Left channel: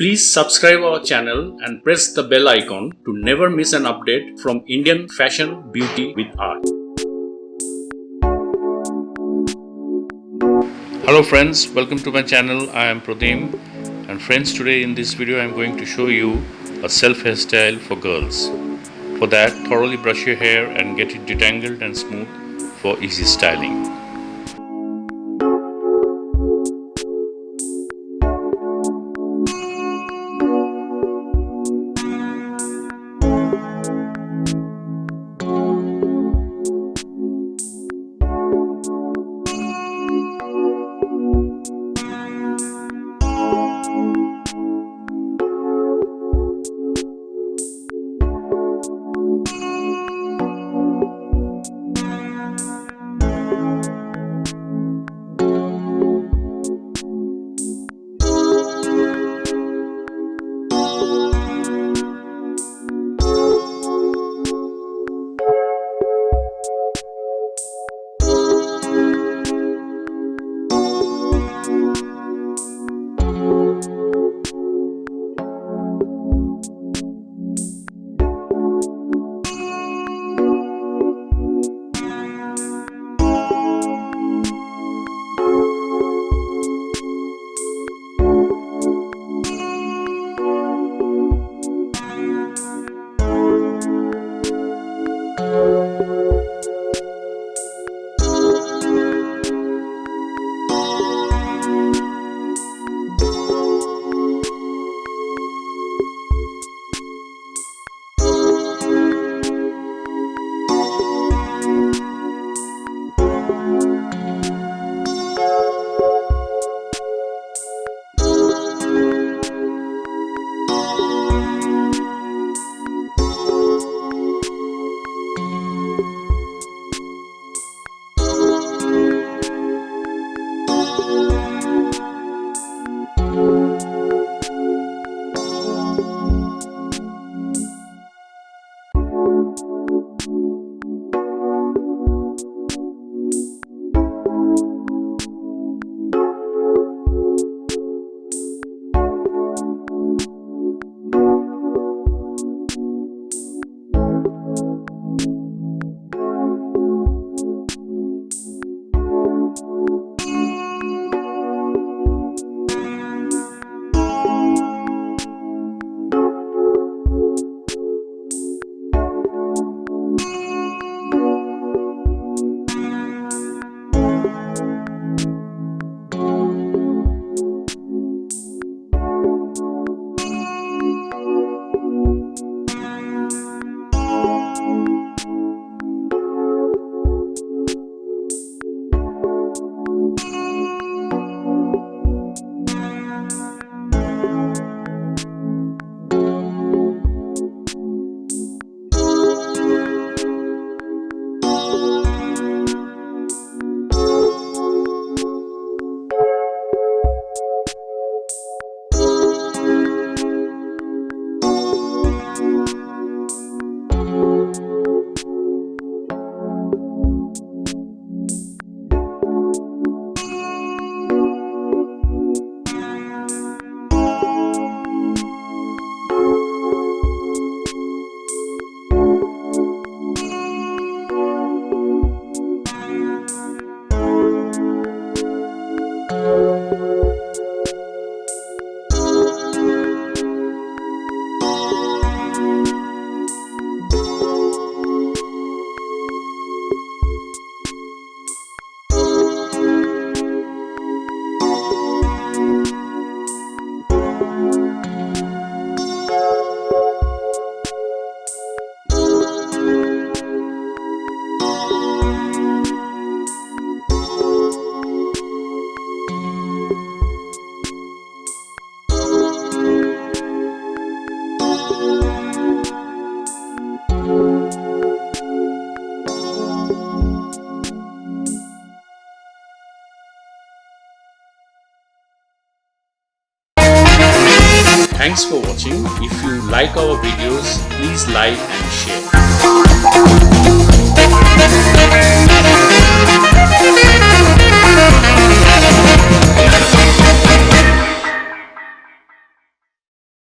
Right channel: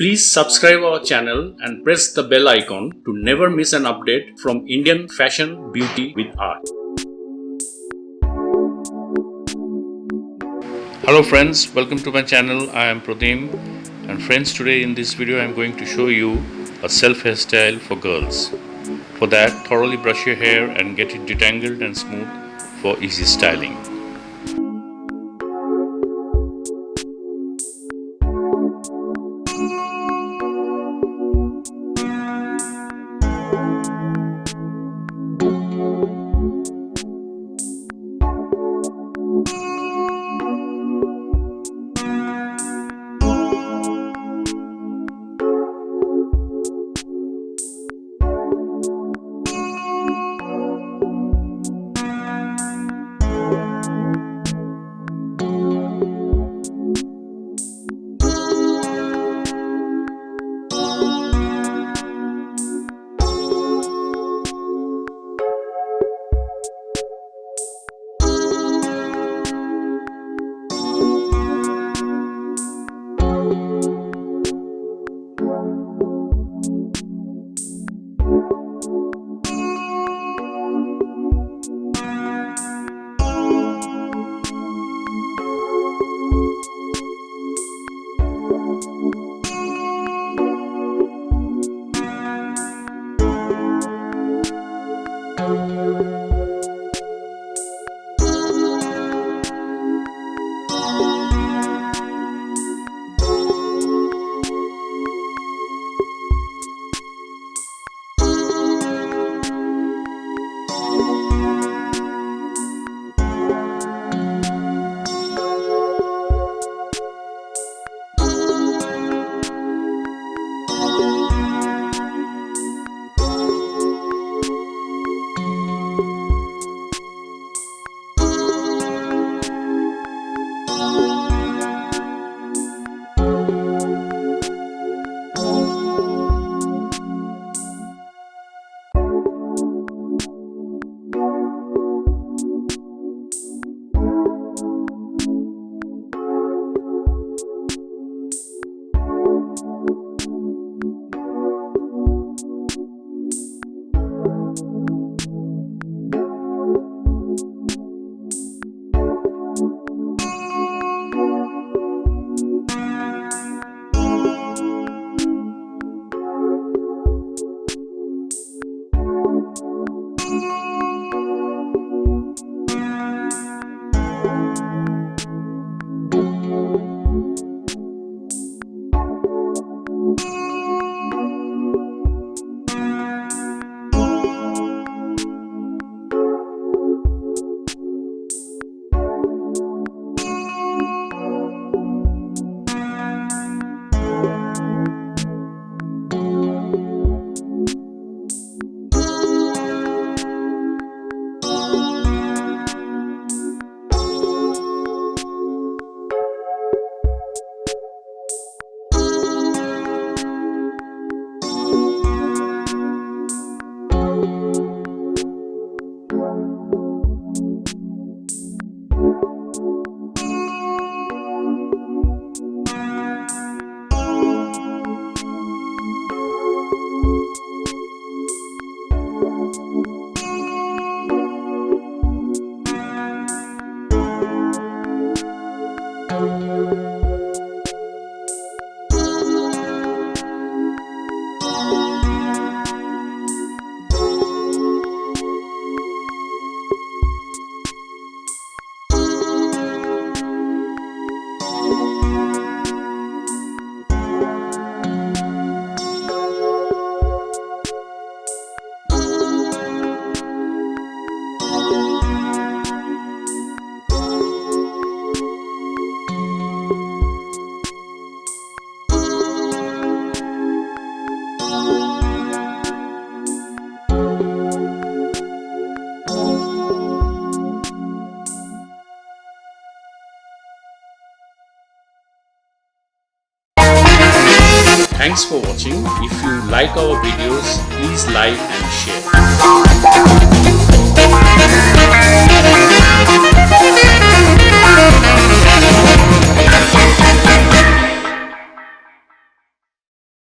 Please subscribe our channel and press the bell icon to never miss an update from Indian fashion, beauty with art. Hello friends, welcome to my channel. I am Pradeem, and friends, today in this video I am going to show you a self hairstyle for girls. For that, thoroughly brush your hair and get it detangled and smooth for easy styling. Thanks for watching. If you like our videos, please like and share.